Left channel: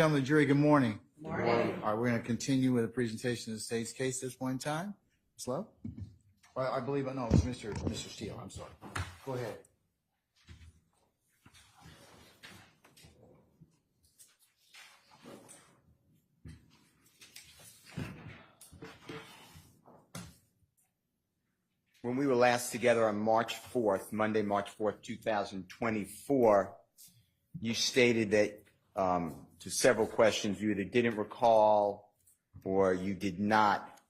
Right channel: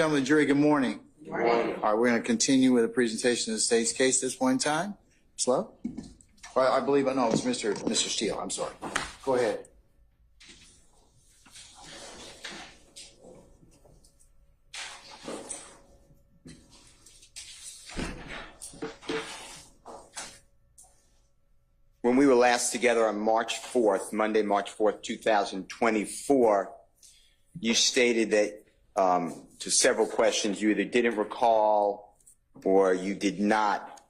Gentlemen of the jury, good morning. Good morning. All right, we're going to continue with the presentation of the state's case at this point in time. Slow? Well, I believe, no, it's Mr. Steele. I'm sorry. Go ahead. When we were last together on March 4th, Monday, March 4th, 2024, you stated that to several questions you either didn't recall or you did not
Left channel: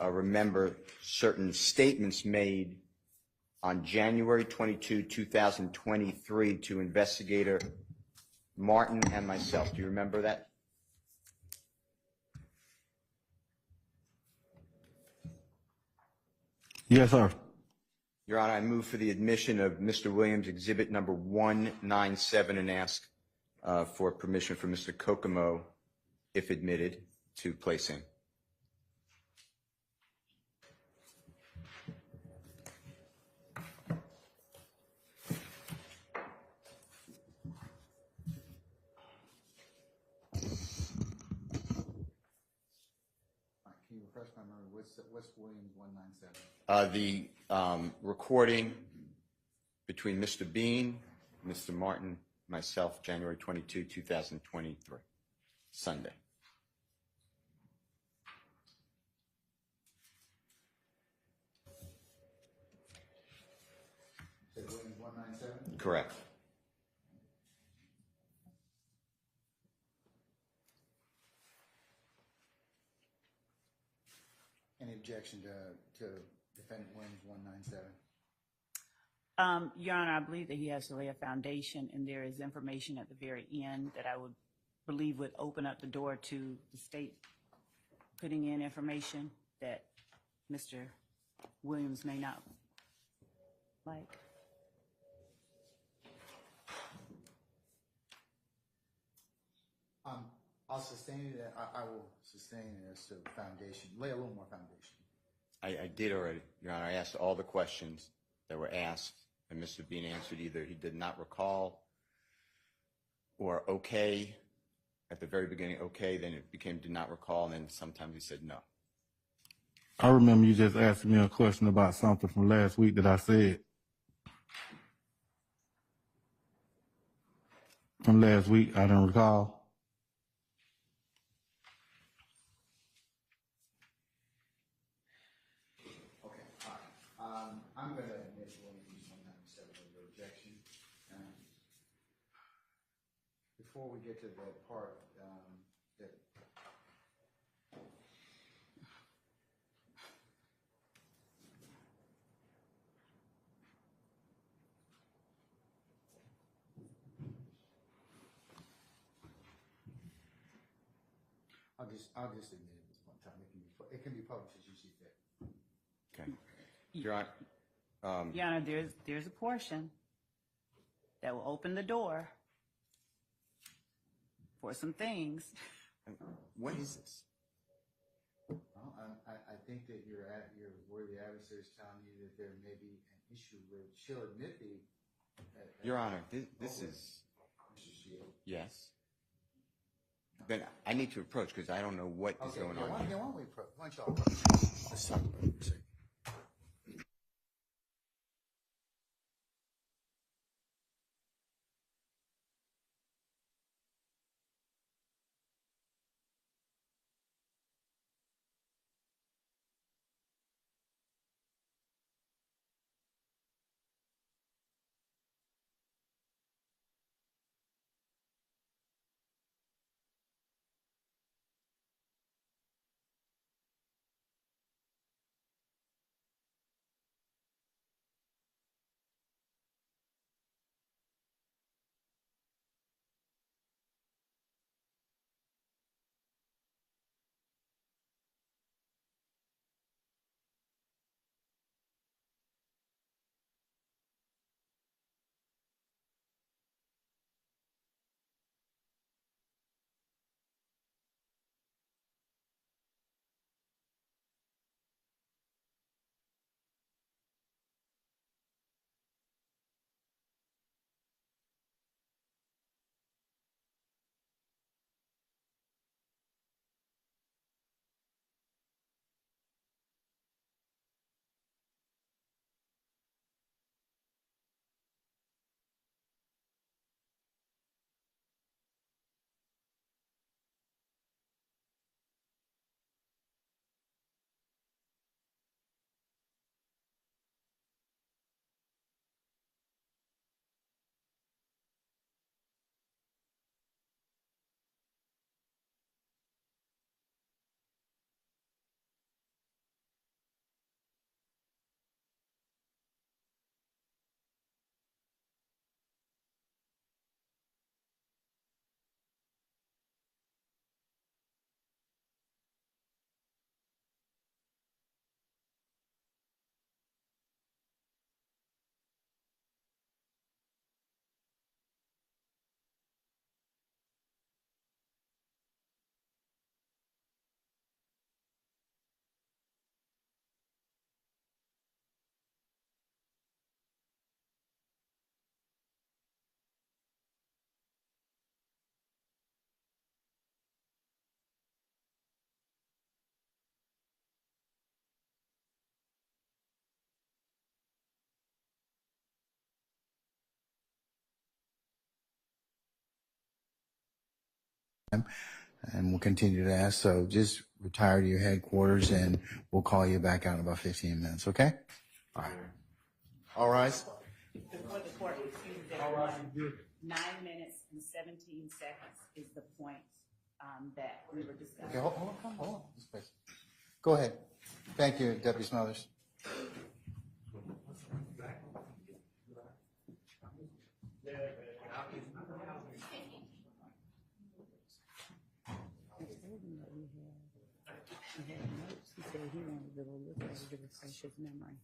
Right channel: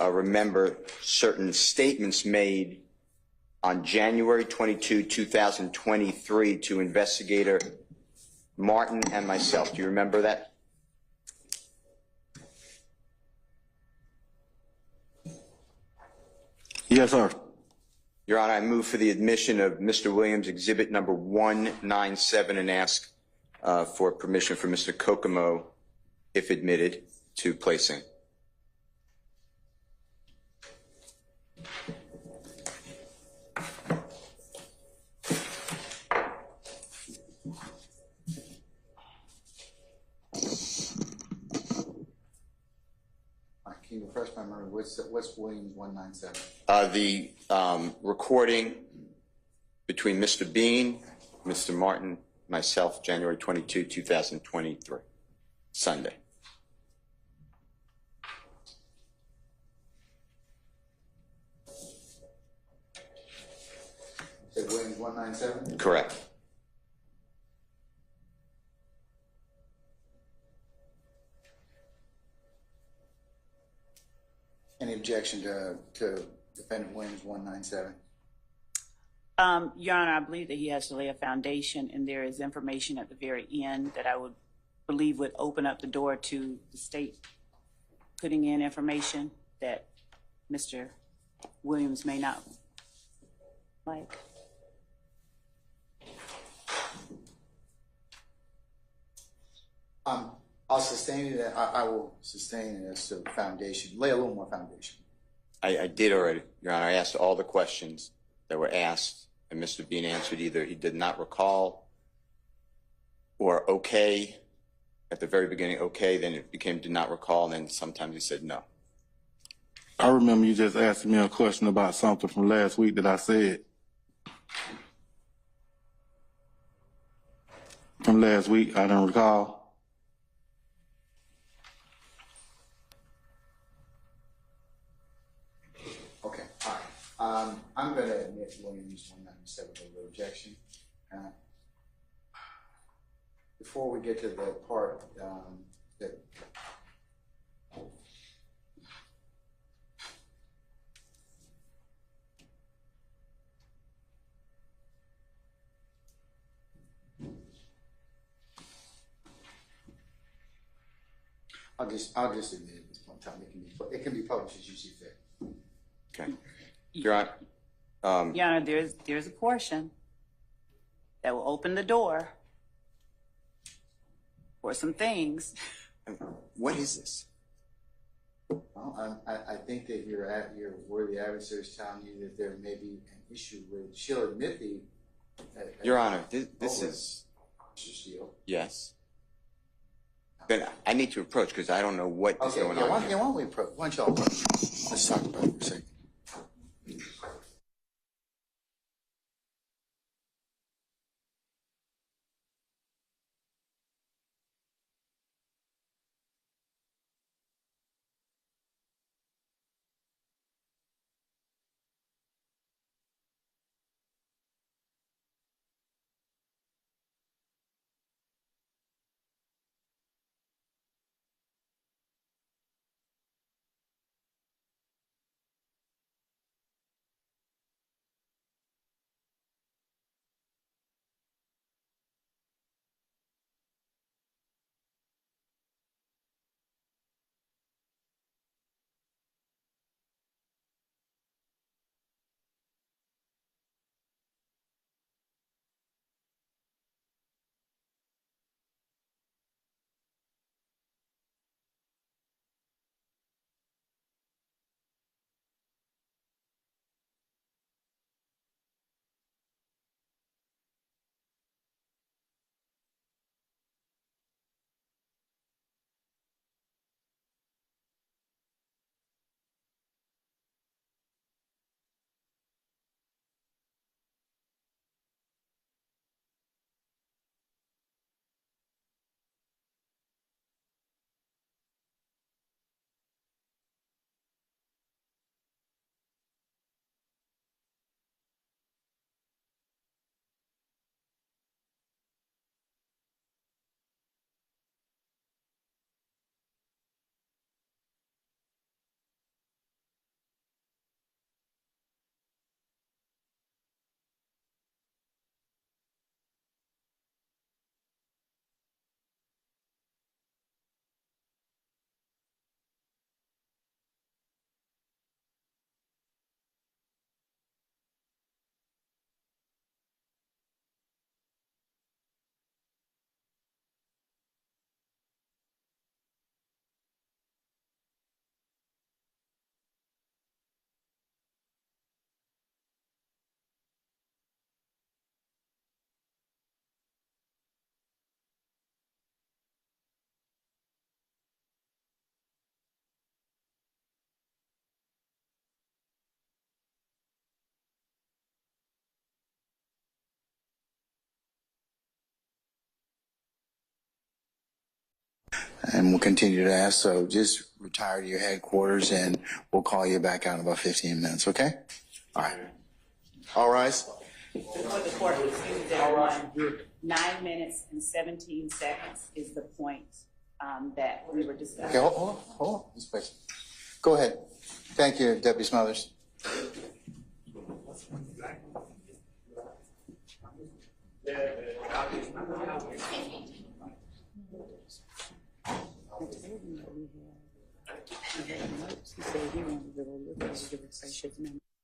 remember certain statements made on January 22, 2023 to investigator Martin and myself. Do you remember that? Yes, sir. Your Honor, I move for the admission of Mr. Williams, exhibit number 197, and ask for permission for Mr. Kokomo, if admitted, to place in. Can you refresh my memory? What's Williams 197? The recording between Mr. Bean, Mr. Martin, myself, January 22, 2023, Sunday. Is it Williams 197? Correct. Any objection to defendant Williams 197? Your Honor, I believe that he has to lay a foundation, and there is information at the very end that I would believe would open up the door to the state putting in information that Mr. Williams may not like. I'll sustain it. I will sustain it as to foundation. Lay a little more foundation. I did already, Your Honor. I asked all the questions that were asked, and Mr. Bean answered either he did not recall or okay. At the very beginning, okay, then it became did not recall, and then sometimes he said no. I remember you just asking me a question about something from last week that I said. From last week, I don't recall. Okay, all right. I'm going to admit Williams 197 without objection. Before we get to the part that I'll just admit at this point in time it can be published as you see fit. Okay. Your Honor, Your Honor, there's a portion that will open the door for some things. what is this? Well, I think that your worthy adversary is telling you that there may be an issue with. She'll admit the. Your Honor, this is. Mr. Steele. Yes. Then I need to approach because I don't know what is going on. Why don't we approach? Why don't y'all approach? Let's talk about it for a second. And we'll continue to ask, so just retire to your headquarters and we'll call you back out in about 15 minutes, okay? All right. All rise. Before the court resumes, everyone, 9 minutes and 17 seconds is the point that we were discussing. Okay, hold on, this place. Go ahead. Thank you, Deputy Smothers. He said he wanted to go look at it to refresh his memory.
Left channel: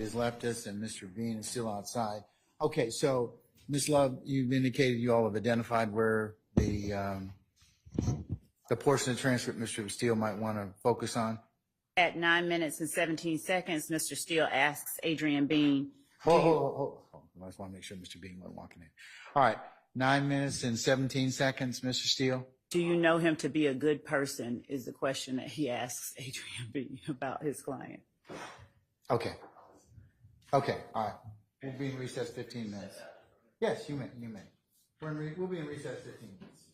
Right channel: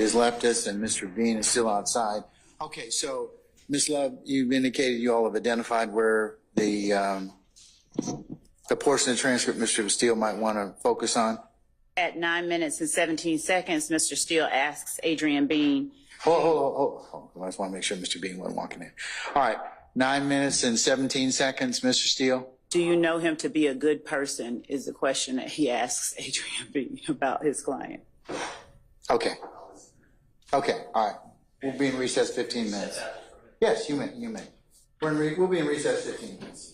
Has left us and Mr. Bean is still outside. Okay, so Ms. Love, you've indicated you all have identified where the portion of the transcript Mr. Steele might want to focus on. At 9 minutes and 17 seconds, Mr. Steele asks Adrian Bean, Hold. I just want to make sure Mr. Bean wasn't walking in. All right, 9 minutes and 17 seconds, Mr. Steele. do you know him to be a good person, is the question that he asks Adrian Bean about his client. Okay, all right. We'll be in recess 15 minutes. Yes, you may. We'll be in recess 15 minutes.